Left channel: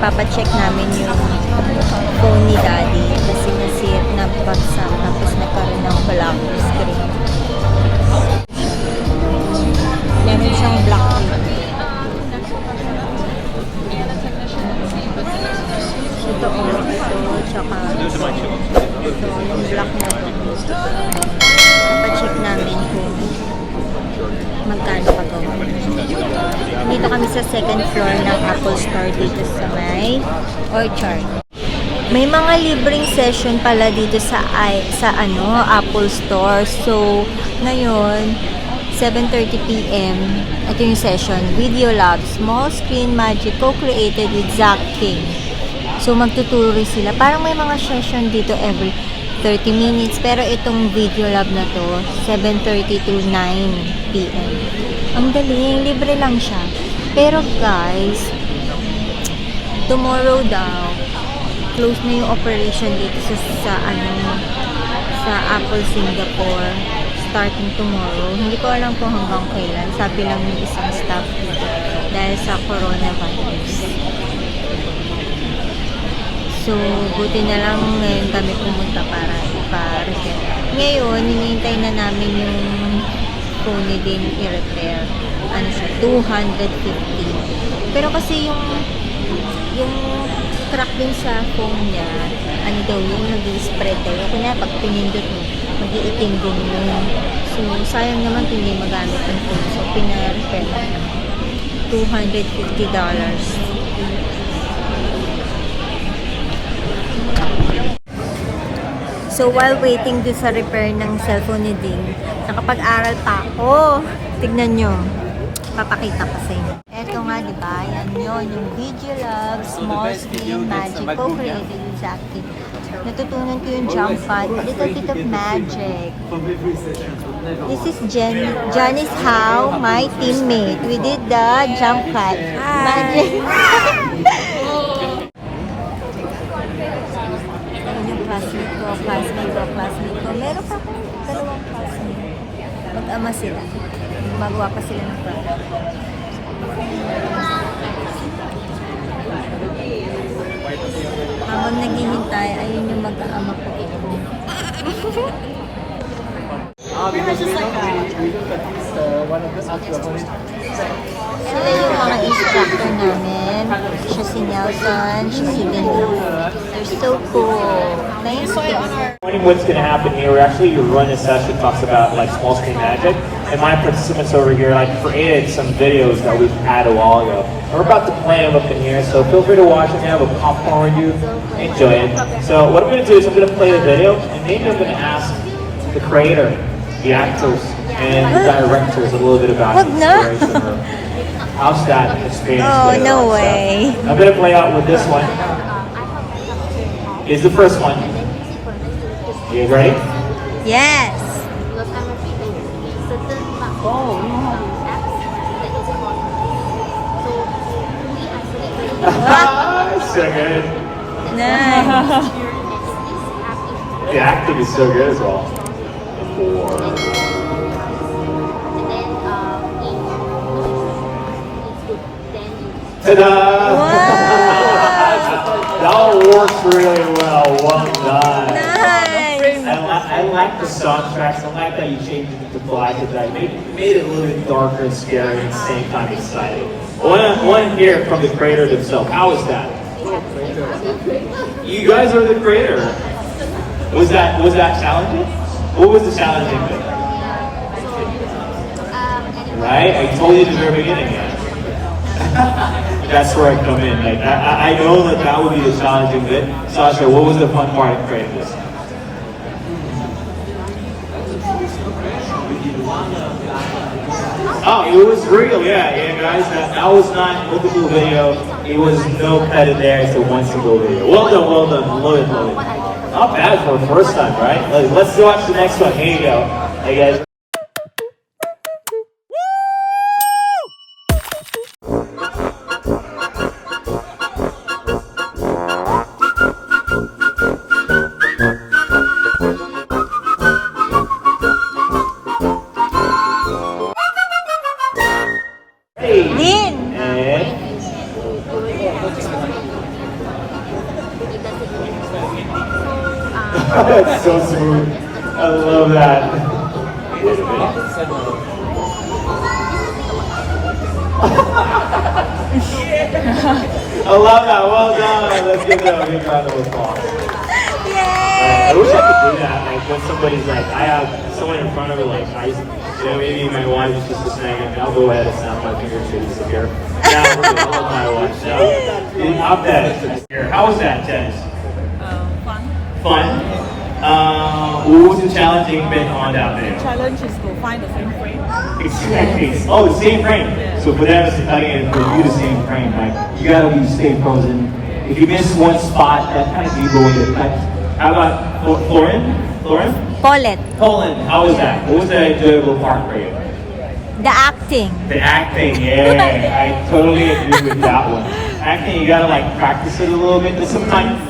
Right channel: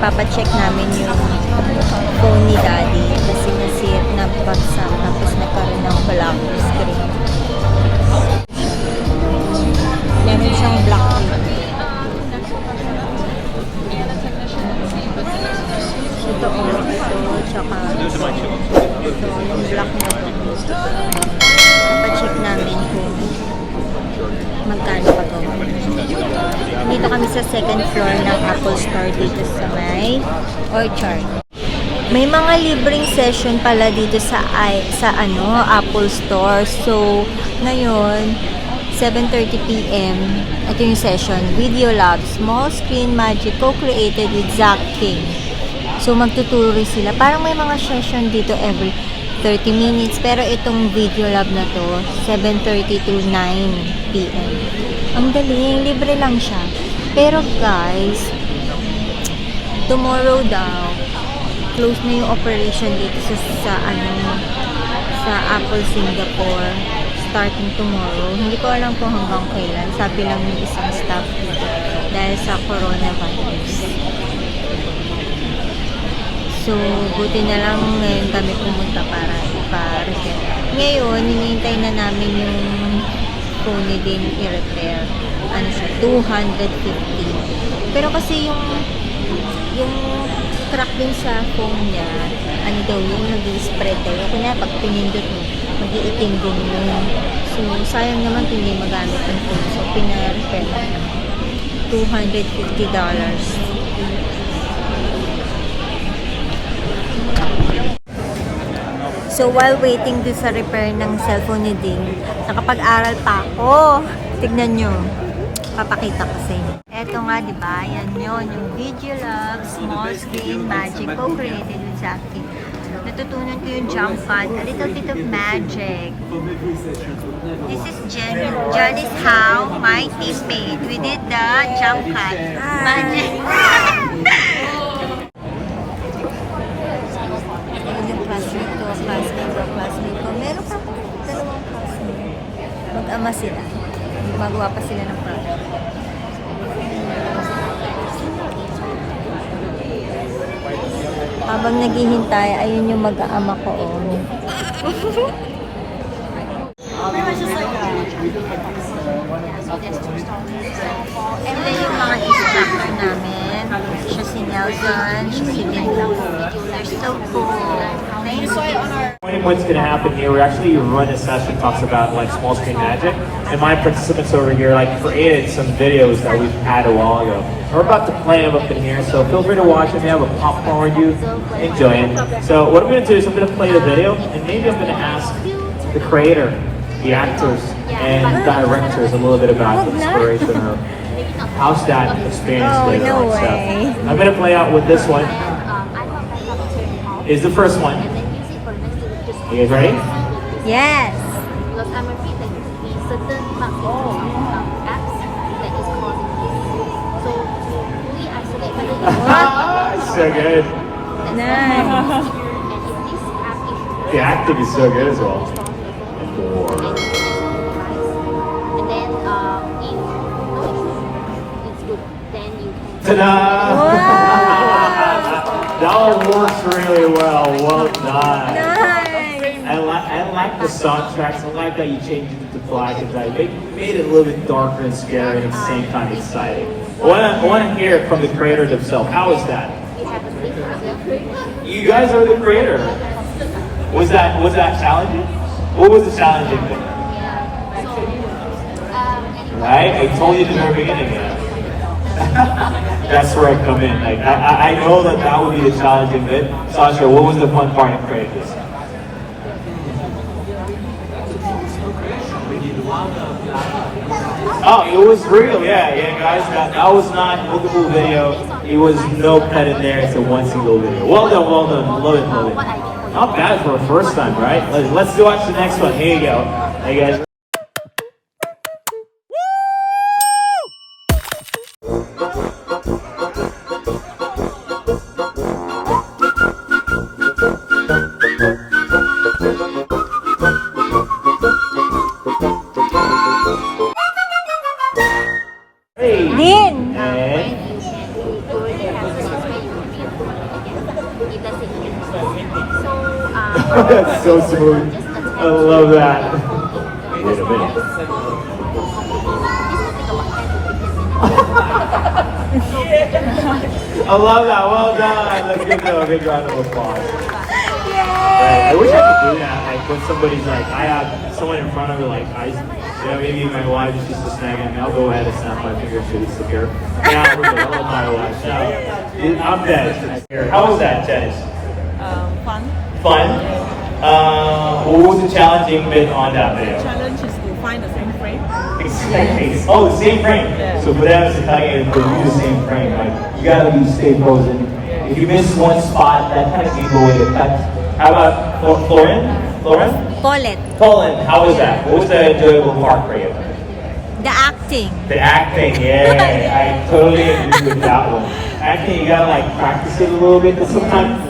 ipapacheck namin yung phone ni Daddy kasi nasir na bagsak tapos nagkaroon ng black screen. Meron siyang black screen. Ito tsaka ito, yung black na ito. Ipacheck namin kung magkano pagawa. Dito kami sa second floor ng Apple Store dito sa may Orchard. May mga libreng session pala dito sa Apple Store. So, ngayon, 7:30 PM, ito yung session. Video Lab, Small Screen Magic, co-created with Zach King. So, magtuturo rin sila. Parang may mga session dito every 30 minutes. Pero itong Video Lab na to, 7:30 to 9 PM. Ang galing, libre lang siya. Pero guys, tomorrow daw, close na yung operation dito sa Apple Singapore. Starting tomorrow. Hindi ko alam kung hanggang kailan. Sabi lang yung isang staff dito dahil sa coronavirus. So, buti na lang ngayon kami pumunta para ipa-repair. Ngayon, hinihintay na namin yung phone din i-repair. Ano siya? 250. Pero kasi yung crack din sa phone niya, ano daw yung nag-spread daw. Kaya pag pinindot mo, mag-iitim din yun. So, sayang naman kung hindi magamit yung phone. So, pina-repair na $250. So, while waiting do sa repair ng cellphone ni Ding, nakapag-aral pa ako. Tignan nyo. Papakita ko sa inyo. Eto nga, diba? Yan yun. Yung Video Lab, Small Screen Magic, co-created with Jackie. Natutunan ko yung jump cut, a little bit of magic. This is Johnny's how, my teammate. We did the jump cut. Magic. Classmate ko. Meron pa akong dalawang classmate. Mag-ama sila. Gumagawa pa sila ng project. Habang naghihintay, ayun yung mag-ama ko. Pretty much just like one of the Sila yung mga instructor namin sa si Nelson, sa si They're so cool. Thanks. What's going to happen here, we actually run a session that talks about like small screen magic, and my participants over here like created some videos that we've had a while ago. We're about to play them up in here, so feel free to watch them. We have a popcorn with you. Enjoy it. So what I'm going to do is I'm going to play the video, and maybe I'm going to ask the creator, the actors, and the directors a little bit about the inspiration of how's that experience. Oh, no way. So I'm going to play out with this one. Is the first one. You guys ready? Yes. What? So good. Nice. The acting is so good as well. Ta-da! Wow! That one works really well. Well done. Nice. I like the soundtracks. I like that you changed it to black and white. They made it a little bit darker and scary and at the same time exciting. I want to hear from the creator himself. How was that? You guys are the creator. Was that challenging? What was the challenging bit? Right? I told you at the very beginning. That's where I come in. Like I know that would be the challenging bit. Sasha, what was the fun part of creating this? Oh, it was real, yeah, guys. That was not a lookable video. It was no pet in there. It's a one single video. Well done. Love it. Not bad for a first time, right? Let's watch the next one. Here you go. Hey guys. That's so smooth. I love that. I love that. Well done. Let's give it a big round of applause. Yay! I wish I could do that. Like when somebody's like, I have someone in front of me, like maybe my wife is just saying, I'll go ahead and snap my fingers to this here. Yeah, I'm all my wife. So, I'm dead. How was that, Jess? Fun. Fun? What was the challenging bit on that video? Challenge is to find the same frame. Exactly. Oh, the same frame. So for that, it's again, do the same frame, right? You gotta be stay frozen. If you miss one spot, that kind of gives away the cut. How about Lauren? Pholet. Colin, how was that? What was the enjoyable part for you? The acting. The acting, yeah. I totally agree with that one. Acting, you gotta like practice it a little bit, but sometimes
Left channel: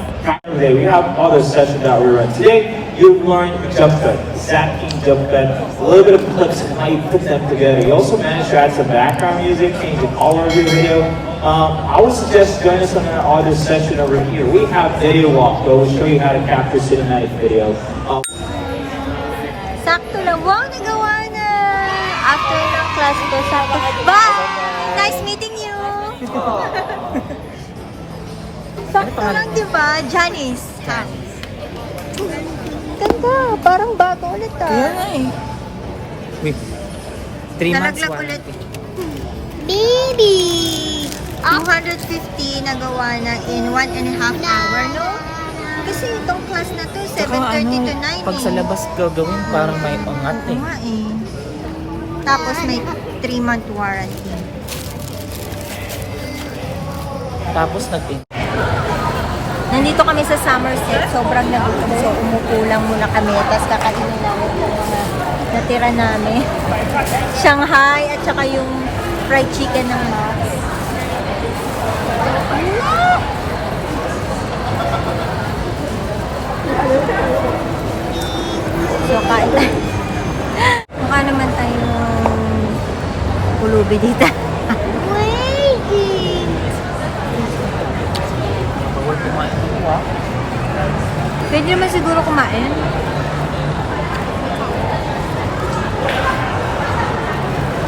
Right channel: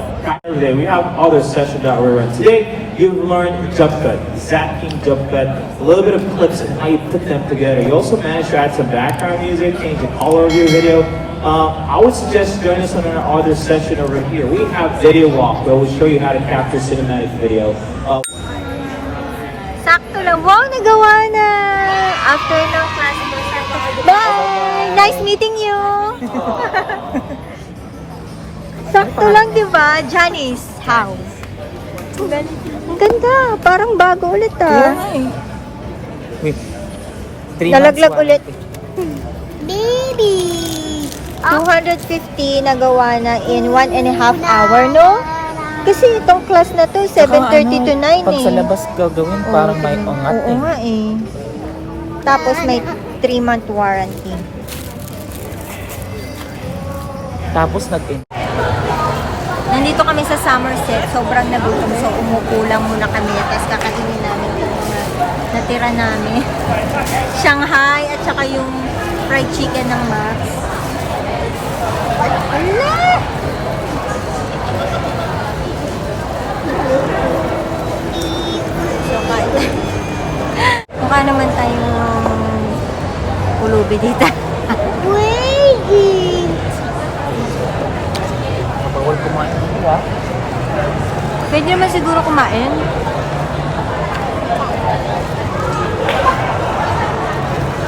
today we have other session that we run. Today, you've learned jump cut, stacking jump cut, a little bit of clips and how you put them together. You also managed to add some background music, change the color of your video. I would suggest join us on another session over here. We have video walk that will show you how to capture cinematic videos. Sakto lang. Wow, nagawa na! After ng class ko, sakto. Bye! Nice meeting you! Sakto lang, di ba? Janice house. Ganda. Parang bago ulit eh. Wait. 3 months Nalaglag ulit. warranty. Baby! 250 nagawa na in 1.5 hour, no? Kasi itong class na to, 7:30 to 9 Pag sa eh. labas gagawin, parang may angat Oo nga eh. Tapos may 3-month warranty. Tapos nagpin. Nandito kami sa Somerset, sobrang nagutom. So umupo lang muna kami, tapos kakainin namin yung mga natira namin. Shanghai at saka yung fried chicken ng Max. Ala! Mukha naman tayong pulubi dito. Pwede naman siguro kumain.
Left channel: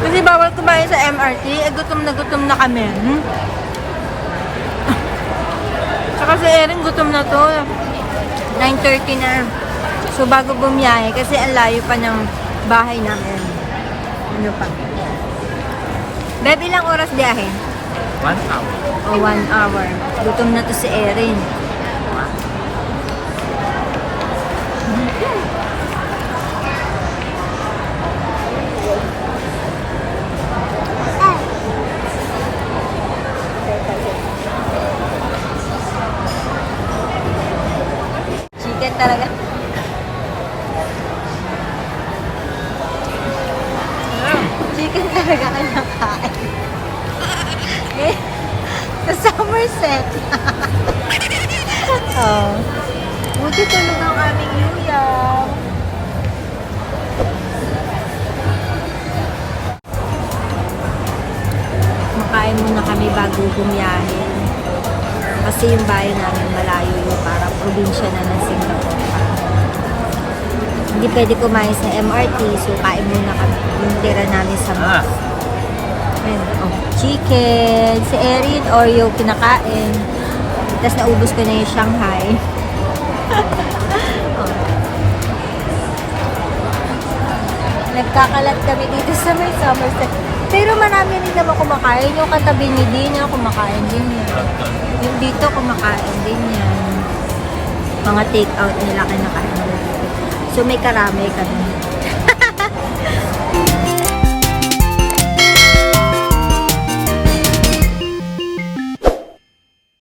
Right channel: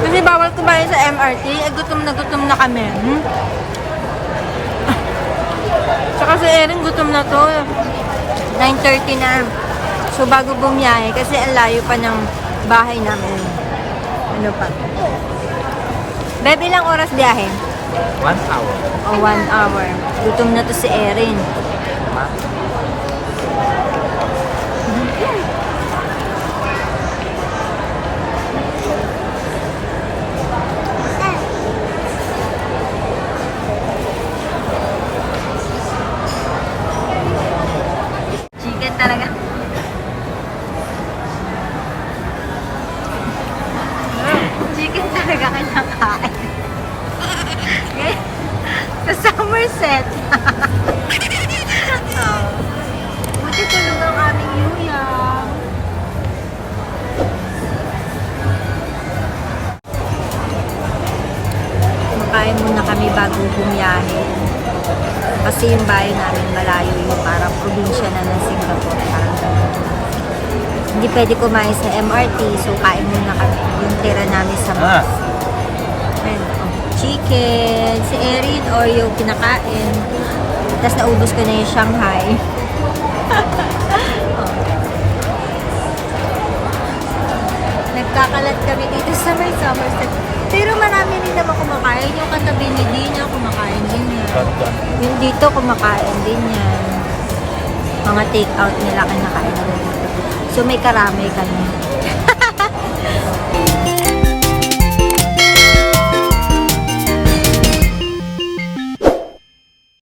Kasi bawal kumain sa MRT. Gutom na kami. Saka si Erin gutom na to. 9:30 na. So bago bumiyahe, kasi ang layo pa ng bahay namin. Ano pa? Bebe, ilang oras biyahe? 1 hour. O 1 hour. Gutom na to si Erin. Chicken talaga. Chicken talaga kinakain. Okay? Sa Somerset. Oh. Buti talaga ang aming yuya. Makain muna kami bago bumiyahe. Kasi yung bahay namin malayo yung parang probinsya na ng Singapore. Parang ganun. Hindi pwede kumain sa MRT, so kain muna kami. Yung tira namin sa mas. Ayan, oh, chicken. Si Erin, Oreo, kinakain. Tapos naubos ko na yung Shanghai. Oh. Nagkakalat kami dito sa may Somerset. Pero marami rin naman kumakain. Yung katabi ni Dina, kumakain din yan. Yung dito, kumakain din yan. Mga take out nila, kinakain nila dito. So may karamay kami.